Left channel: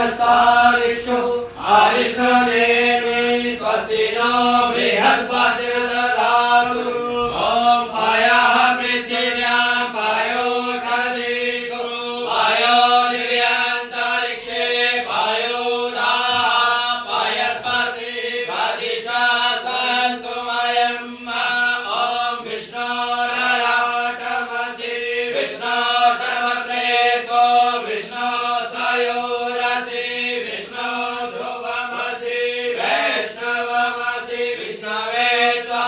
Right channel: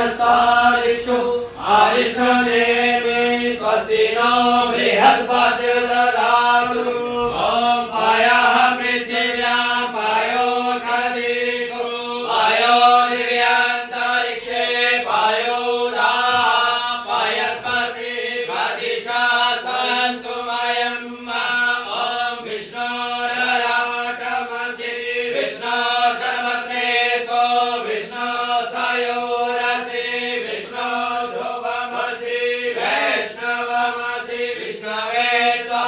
स्वस्तिनस्तारिक्षु अरिष्टनेमि स्वस्ति नो बृहस्पतिर्दधातु ॐ पायः पृथिव्यां पायो खदिषु पायो दिव्यान्तरिक्षे पायो पायस्पति प्रदिशा सन्तु मयम् ॐ विष्णोरराटमसि विष्णो सर्वत्रेषु विष्णो सयोरसि विष्णो ध्रुवमसि वैष्णवमसि विष्णवे त्वा